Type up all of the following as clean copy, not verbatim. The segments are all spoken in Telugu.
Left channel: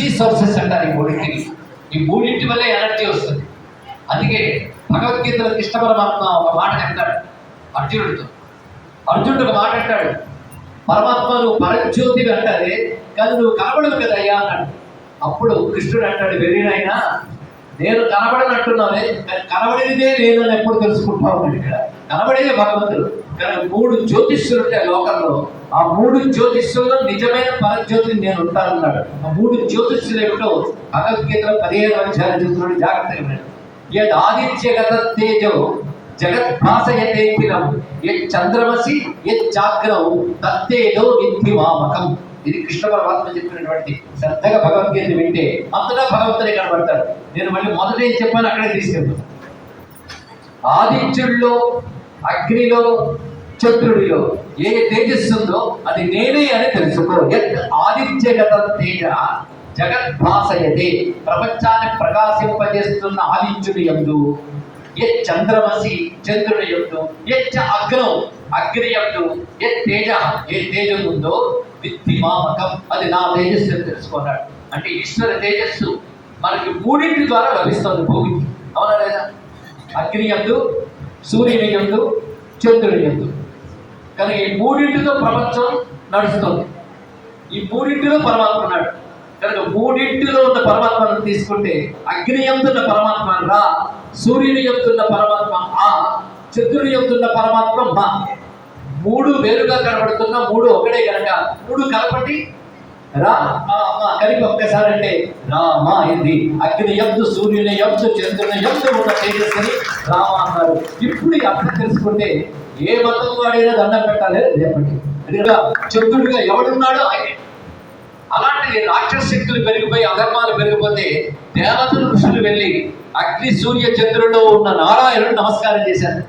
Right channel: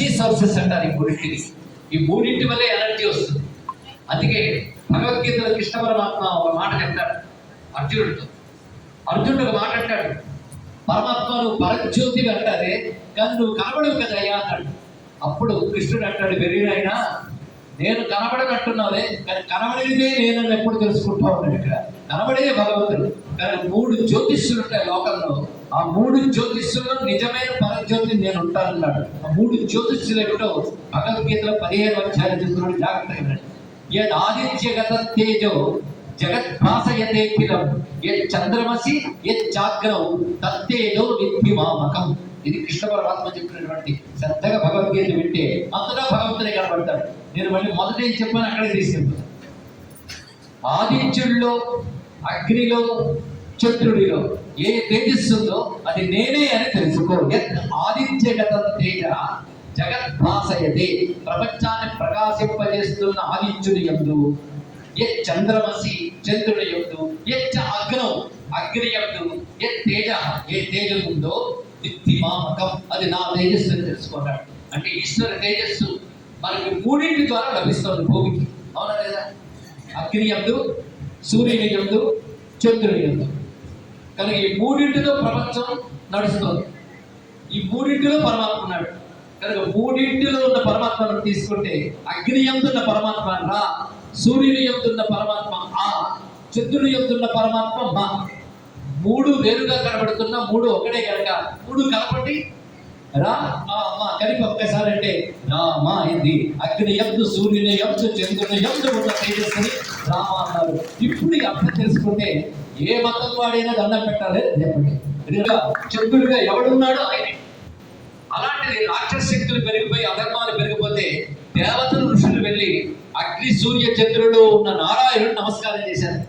ఎనర్జీ సోర్సెస్ అంటారు ఈ మూడింటి వల్లే ఎనర్జీ వస్తుంది. అందుకే భగవద్గీతలో కృష్ణ పరమాత్మ ఒక మాట అంటాడు అర్జునుడితో. అర్జునుడు ఒక మాట అంటాడు, పరమాత్మ నువ్వు పరజ్యోతివి అంటారే కానీ నువ్వు కనబడవు కదా అయ్యా అన్నాడు. అప్పుడు కృష్ణుడు అంటాడు, వెర్రినైనా నేను కనబడనట్టున్నానే కానీ కనబడేదే నేను అని ఎప్పుడు తెలుసుకుంటా ఉన్నాడు. ఇక్కడ కనబడేదే భగవంతుడు. కానీ 3 జ్యోతిష్యులు ఉంటాయి లోకంలో. ఆ 3 జ్యోతిష్యుల్లో నిజమైన పరజ్యోతిని నేను ఉంటానన్నాడు. ఆ 3 జ్యోతిష్యులు ఏమిటో భగవద్గీతలో 15వ అధ్యాయం చెప్తున్నాడు. జాగ్రత్తగా వినండి. యద్ ఆదిత్యగత తేజో జగద్భాసయతే కిలం యత్ చంద్రమసి యత్ చాగ్రౌ తత్తేజో విద్ధిమామకం. ఇది కృష్ణ పరమాత్మ చెప్పినటువంటి శ్రద్ధగా భగవద్గీత వింటే అంతగా భగవంతుడే కనబడతాడు. నేను మళ్ళీ మొదట ఏం చెప్పాను అక్కడే తీసుకెళ్తాను. ఆదిత్యుల్లో, అగ్నిలో, చంద్రుడిలో ఏ తేజస్సు ఉందో అది నేనే అని తెలుసుకో. యత్ ఆదిత్యగత తేజ జగద్భాసయతే ప్రపంచాన్ని ప్రకాశింపజేస్తున్న ఆదిత్యుని యందు, యత్ చంద్రమసి చంద్రుని యందు, యత్ అగ్నౌ అగ్ని యందు, యత్ తేజ ఏ తేజం ఉందో విద్ధిమామకం అది నా తేజస్సు అని తెలుసుకున్నాడు. అంటే ఈశ్వర తేజస్సు మనకి 3 ద్వారా లభిస్తుంది భూమికి. అవునా లేదా? అగ్ని యందు, సూర్యుని యందు, చంద్రుని యందు. కనుక ఈ 3తో ప్రపంచం నడుస్తుంది. ఈ 3లో పరమాత్మ ఉన్నాడు. కనుక 3లో ఉన్న పరమాత్మను తీసుకుంటే అగ్ని యందున్న పరమాత్మ రా, సూర్యుని యందున్న పరమాత్మ ఆ, చంద్రుని యందున్న పరమాత్మ మా. 3 వేరుగా కనబడుతున్న 3 ఒకటే కనుక 3 కలపండి రా కలిపి ఒక్కసారి అంటే రామ అయింది. అగ్ని యందు, సూర్యుని యందు, చంద్రుని యందు ఉన్న తేజస్సుని రామ అన్నారు. ఇప్పుడు ఈ అర్థం తెలుసుకుంటే ఏ మతం వాడైనా దండం పెట్టాలి రేపటి. ఎందుకంటే చంద్రుడిగా ఎవడున్నాడో ఆయనే. అలాంటి రాక్షస శక్తులు పెరిగిపోయి అధర్మాలు పెరిగిపోతే దేవతలు ఋషులు వెళ్ళి అగ్ని సూర్య చంద్రుల్లో ఉన్న నారాయణుడు నమస్కారం చేశారు.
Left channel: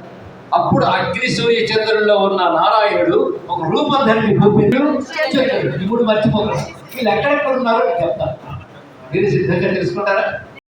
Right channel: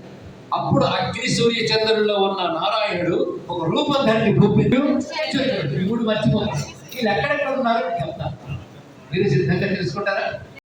అప్పుడు అగ్ని సూర్య చంద్రుల్లో ఉన్న నారాయణుడు ఒక రూపం ధరించి భూమి మర్చిపోతారు. వీళ్ళు ఎక్కడెక్కడ ఉన్నారో చెప్తారు. మీరు సిద్ధంగా తెలుసుకుంటారా?